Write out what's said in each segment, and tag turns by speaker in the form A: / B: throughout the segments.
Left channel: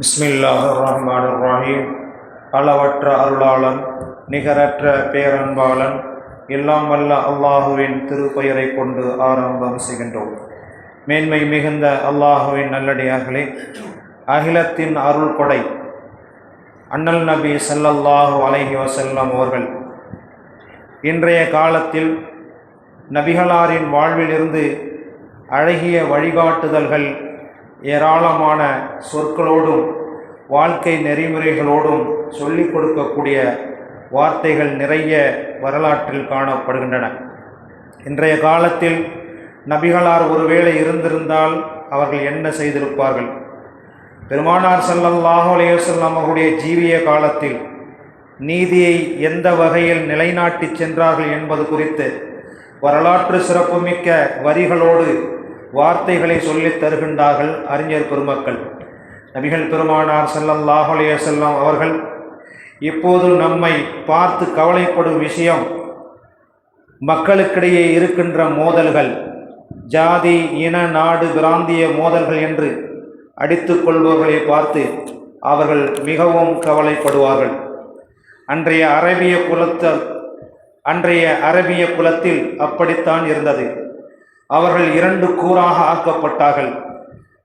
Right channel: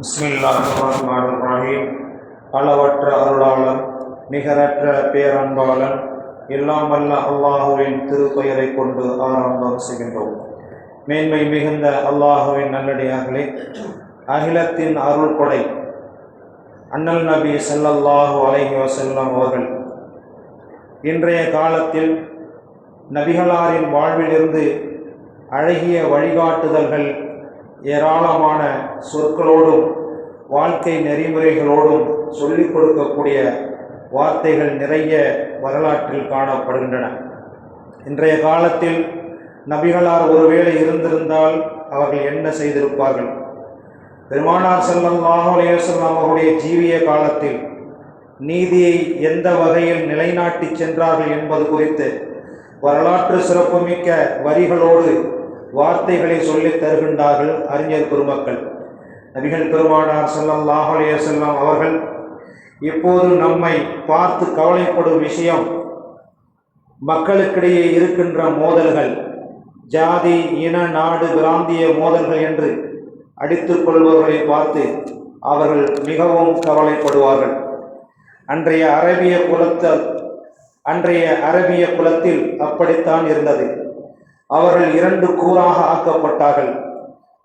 A: பிஸ்மில்லாஹ் ரஹ்மான் ரஹீம் அளவற்ற அருளாளன் நிகரற்ற பேரன்பாளன் எல்லாம் அல்ல அல்லாஹுவின் திருப்பெயரை கொண்டு ஆரம்பம் செய்கின்றோம். மேன்மை மிகுந்த அல்லாஹுவின் நல்லடியார்களே அகிலத்தின் அருள் கொடை அண்ணல் நபி சல்லல்லாஹு அலைஹி வஸல்லம் அவர்கள். இன்றைய காலத்தில் நபிகளாரின் வாழ்விலிருந்து அழகிய வழிகாட்டுதல்கள் ஏராளமான சொற்களோடும் வாழ்க்கை நெறிமுறைகளோடும் சொல்லிக் கொடுக்கக்கூடிய வார்த்தைகள் நிறைய வரலாற்றில் காணப்படுகின்றன. இன்றைய காலத்தில் நபிகளார் ஒருவேளை இருந்திருந்தால் அவர்கள் என்ன செய்திருப்பார்கள்? பெருமானார் ஸல்லல்லாஹு அலைஹி அவருடைய ஜீவிய காலத்தில் நீதியை எந்த வகையில் நிலைநாட்டிச் சென்றார்கள் என்பது குறித்து வரலாற்று சிறப்புமிக்க வரிகளோடு வார்த்தைகளை சொல்லித் தருகின்றார்கள் அறிஞர் பெருமக்கள். நபிகள் பெருமானார் செல்லம் அலைஹி அவர்கள் இப்போது நம்மை பார்த்து கவலைப்படும் விஷயம் மக்களுக்கிடையே இருக்கின்ற மோதல்கள். ஜாதி இன நாடு பிராந்திய மோதல்கள் என்று அடித்துக் கொள்பவர்களை பார்த்து அவர்கள் மிகவும் கவலைப்படுவார்கள். அன்றைய அரபிய குலத்த அன்றைய அரபிய குலத்தில் அப்படித்தான் இருந்தது. அவர்கள் இரண்டு கூறாக ஆக்கப்பட்டார்கள்.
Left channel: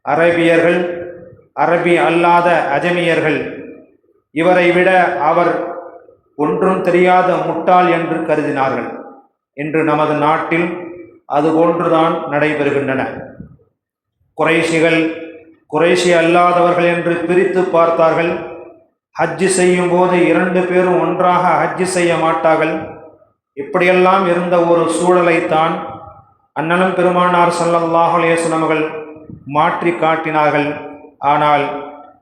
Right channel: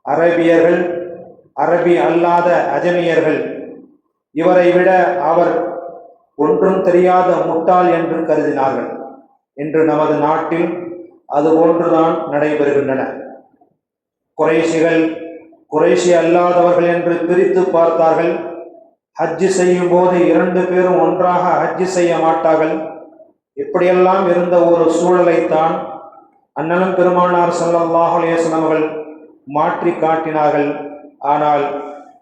A: அரபியர்கள் அரபி அல்லாத அஜமியர்கள் இவரை விட அவர் ஒன்றும் தெரியாத முட்டாள் என்று கருதினார்கள். இன்று நமது நாட்டில் அது போன்றுதான் நடைபெறுகின்றன. குறைஷிகள் குறைஷி அல்லாதவர்கள் என்று பிரித்து பார்த்தார்கள். ஹஜ்ஜு செய்யும் போது இரண்டு பேரும் ஒன்றாக ஹஜ்ஜு செய்ய மாட்டார்கள். இப்படியெல்லாம் இருந்த ஒரு சூழலைத்தான் அண்ணனும் பெருமானார் ஸல்லல்லாஹு அலைஹி மாற்றி காட்டினார்கள். ஆனால்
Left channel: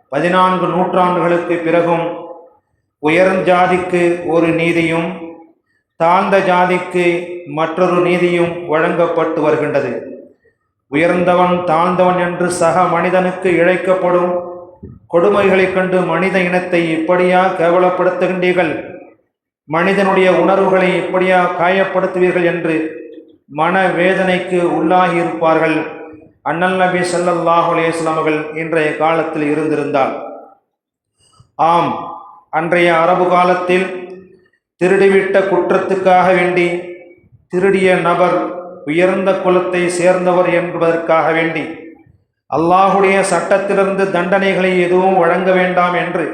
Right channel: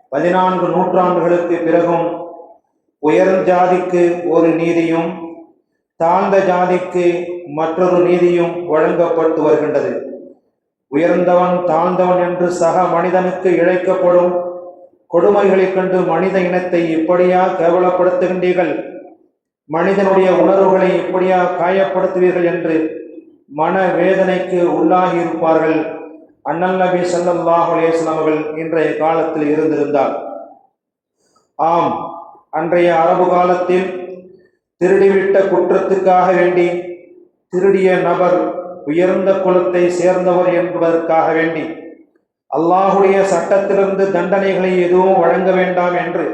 A: பதினான்கு நூற்றாண்டுகளுக்கு பிறகும் உயர்ந்த ஜாதிக்கு ஒரு நீதியும் தாழ்ந்த ஜாதிக்கு மற்றொரு நீதியும் வழங்கப்பட்டு வருகின்றது. உயர்ந்தவன் தாழ்ந்தவன் என்று சக மனிதனுக்கு இழைக்கப்படும் கொடுமைகளைக் கண்டு மனித இனத்தை இப்படியா கேவலப்படுத்துகின்றீர்கள்? மனிதனுடைய உணர்வுகளை இப்படியா காயப்படுத்துவீர்கள் என்று மன வேதனைக்கு உள்ளாகி இருப்பார்கள் அண்ணல் நபி ஸல்லல்லாஹு அலேஸ்லாம் அவர்கள் இன்றைய காலத்தில் இருந்திருந்தார். ஆம் அன்றைய அரபு காலத்தில் திருடிவிட்ட குற்றத்துக்காக வேண்டி திருடிய நபர் உயர்ந்த குலத்தை சேர்ந்தவர் என்பதற்காக வேண்டி அல்லாஹுடைய சட்டத்திலிருந்து தண்டனைகளை எதுவும் வழங்க வேண்டாம் என்று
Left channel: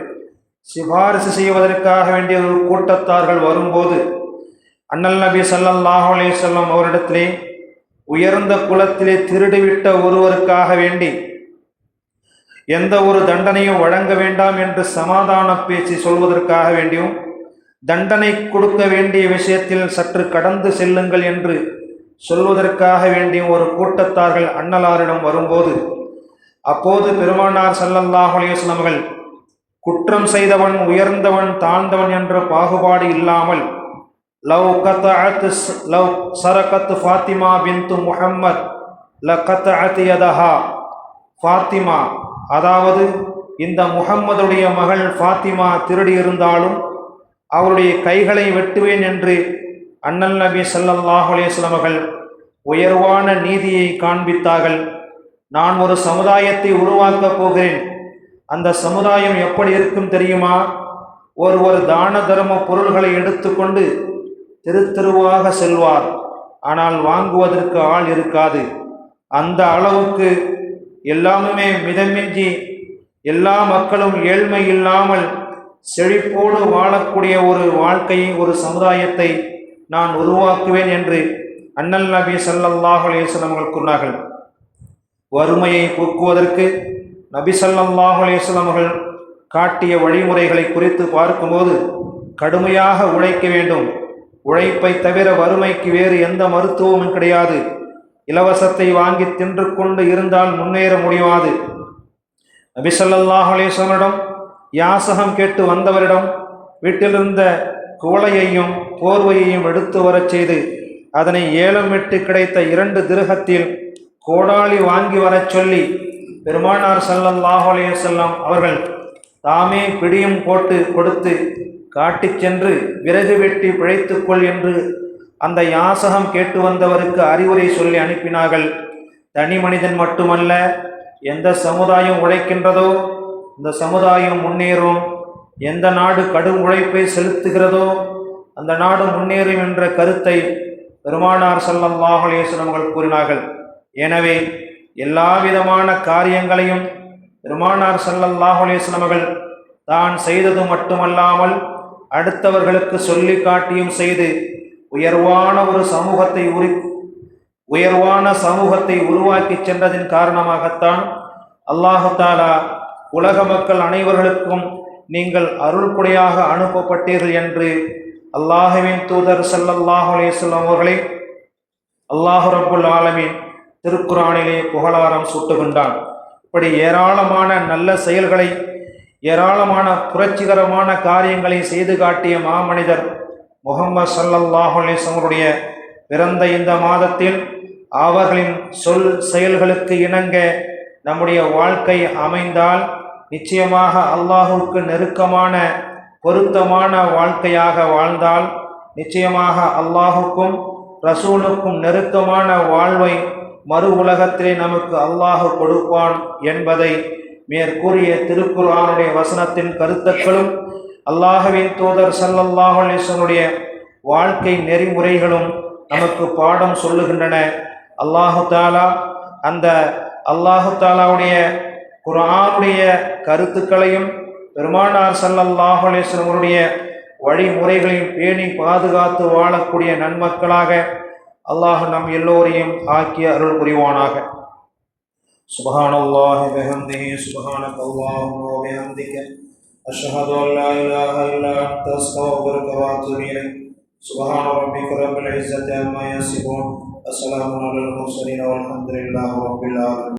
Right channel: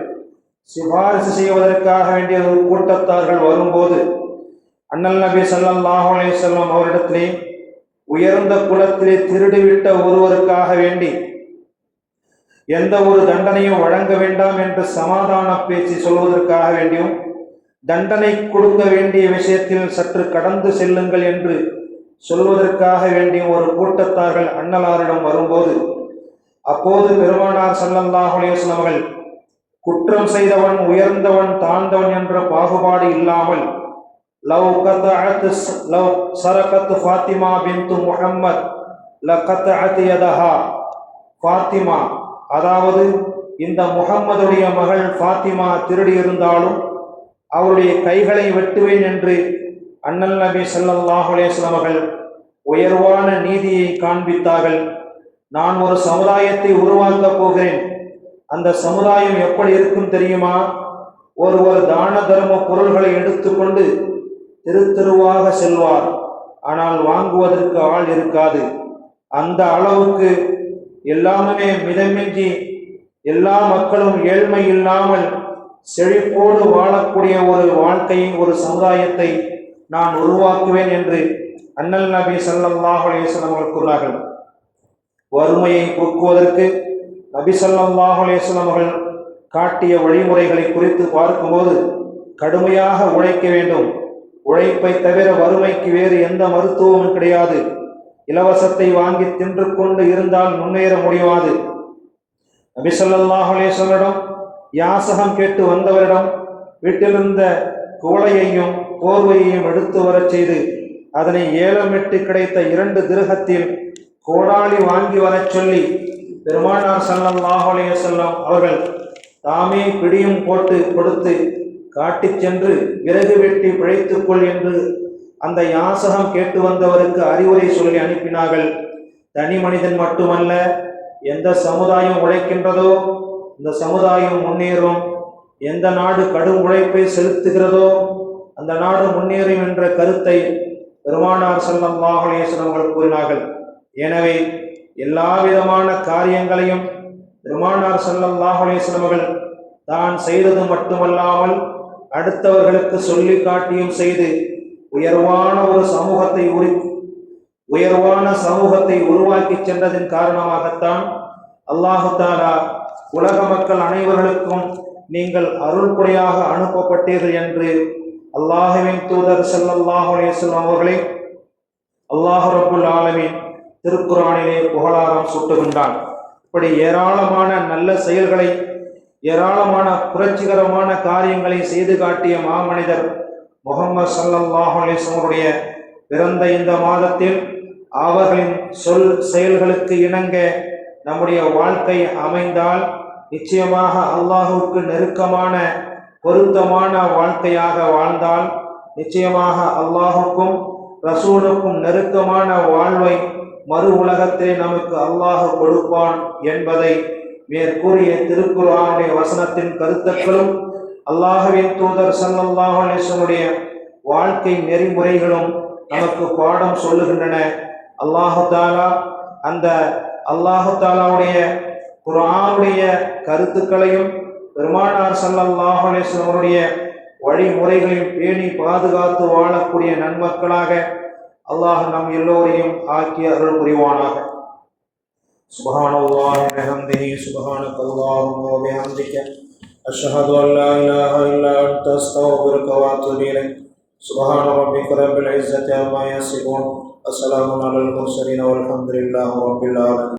A: சிபாரிசு செய்வதற்காக வேண்டிய ஒரு கூட்டத்தார்கள் வரும்போது அண்ணல் நபி ஸல்லல்லாஹு அலைஹி அவரிடத்திலே உயர்ந்த குலத்திலே திருடிவிட்ட ஒருவருக்காக வேண்டி எந்த ஒரு தண்டனையும் வழங்க வேண்டாம் என்று சமாதான பேச்சு சொல்வதற்காக வேண்டியும் தண்டனை கொடுக்க வேண்டிய விஷயத்தில் சற்று கடந்து செல்லுங்கள் என்று சொல்வதற்காக வேண்டிய ஒரு கூட்டத்தார்கள் அன்னலாரிடம் வரும்போது அப்போது பெருமானார் ஸல்லல்லாஹு அலைஹி அவர்கள் குற்றம் செய்தவன் உயர்ந்தவன் தாழ்ந்தவன் என்ற பாகுபாடு இல்லாமல் லவ் கத்தஅத் லவ் சரகத் ஃபாத்திமா பின்து முஹம்மத் ல கத்தஅத் யதஹா ஃபாத்திமா அதாவது இந்த முகம்மதுடைய மகள் ஃபாத்திமா திருடி இருந்தாலும் அவருடைய கைகளை வெட்டுவேன் என்று அண்ணல் நபி சல்லாஹ் அலைஹி உயர்வான நீதியை காண்பித்தார்கள். நான் ஒரு சமுதாயத்தை உருவாக்கப் போகிறேன். அந்த சமுதாயம் எப்படி இருக்கும் தெரியுமா? ஒரு ஒரு தான தர்ம பொருள்களை எடுத்துக்கொண்டு தெரு செல்வார். ஆனால் வாங்குவதற்கு ஆள் இருக்காது. அந்த அளவுக்கு எல்லாமே மிதமின்றி எல்லா மக்களும் ஏழ்மை இல்லாமல் செழிப்போடு வாழக்கூடிய ஒரு வாழ்க்கையை ஒரு சமுதாயத்தை நான் உருவாக்குவேன் என்று அண்ணல் நபி சல்லாஹ் அலேஸ்வரம் அவர்கள் கூறினார்கள் வறுமையை போக்குவதற்கு நபி சல்லாஹ் அலேஸ்வரம் அவர்கள் காட்டிய வழிமுறைகளை குறித்து பார்க்கும்போது கடுமையாக உழைக்க வேண்டும். உழைப்பை தவிர வறுமைக்கு வேறு எந்த மருத்துவமும் கிடையாது. இலவசத்தை வாங்கி தின்று கொண்டு இருந்தால் முன்னேற முடியாது. நபி ஸல்லல்லாஹு யாசகம் கேட்டு வந்தவரிடம் வீட்டிலிருந்த குவளையையும் போர்வையையும் எடுத்து வரச் செய்து அதனை ஏலமிட்டு கிடைத்த இரண்டு திருகத்தில் கோடாளி வாங்கி வரச் சொல்லி பெருமானார் ஸல்லல்லாஹு செல்லம் அவர்கள் தாமே பிடியும் போட்டு கொடுத்து காட்டிச் சென்று விறகு வெட்டி பிழைத்துக்கொள் என்று அந்த யாசகம் கேட்டு வந்தவருக்கு அறிவுரை சொல்லி அனுப்பினார்கள். தனி மனிதன் மட்டுமல்ல எந்த சமுதாயம் உழைக்கின்றதோ இந்த சமுதாயம் முன்னேறும். எந்த நாடு கடும் உழைப்பை செலுத்துகிறதோ அந்த நாடு முன்னேறும் என்ற கருத்தை பெருமானார் ஸல்லல்லாஹு அலைஹி அவர்கள் கூறினார்கள். எனவே எல்லா விதமான காரியங்களையும் பெருமானார் ஸல்லல்லாஹு அலைஹி அவர்கள் தான் செய்தது மட்டுமல்லாமல் அடுத்தவர்களுக்கு சொல்லி காட்டியும் செய்து உயர்வான ஒரு சமூகத்தை உரி உயர்வான சமூகத்தை உருவாக்கி சென்றதின் காரணமாகத்தான் அல்லாஹாலா உலக மக்கள் அனைவர்களுக்கும் நீங்கள் அருள்குடையாக அனுப்பப்பட்டீர்கள் என்று அல்லாஹுவின் தூதர் ஸல்லல்லாஹு அலைஹி வஸல்லம் அவர்களை அல்லாஹ் ரப்புல் திருக்குறானிலே புகழாரம் சூட்டுகின்றான். இப்படி ஏராளமான நல்ல செயல்களை ஏராளமான புரட்சிகரமான காரியங்களை செய்து காட்டிய மாமனிதர் முகமது ஸல்லல்லாஹு அலைஹி அவருடைய பிறந்த இந்த மாதத்தில் அவர்களின் சொல் செயல்களுக்கு இணங்க நம்முடைய வாழ்க்கை அமைந்தால் நிச்சயமாக அல்லாஹுக்கு நெருக்கமான பொருத்தமான வாழ்க்கையாக வாழ்ந்தால் நிச்சயமாக அல்லாஹுக்கும் ரசூலுக்கும் நெருக்கமான வாழ்வை மறு உலகத்திலே நமக்கு அல்லாஹு கொடுப்பான் என்பதை மேற்கூறிய திருக்குறானுடைய வசனத்தின் கருத்துக்களும் அல்லாஹுவின் தூதர் ஸல்லல்லாஹு வாழ்க்கை நெறிமுறைகளும் நமக்கு பாடம் சொல்லுகின்றன. அல்லாஹு தாலா அந்த அல்லாஹு தாலாவுடைய குரானுடைய கருத்துக்களையும் பெருமானார் ஸல்லல்லாஹு வழிமுறைகளையும் பேணி பாதுகாத்து வாழக்கூடிய நன்மக்களாக அல்லாஹ் நம் எல்லோரையும் ஆக்கிய அருள் புரிவானாக سبحان الله بحمده سبحانك اللهم وبحمدك أشهد أن لا إله إلا أنت أستغفرك وأتوب إليك. سبحان ربك رب العزة عما يصفون السلام على المرسلين والحمد لله رب العالمين.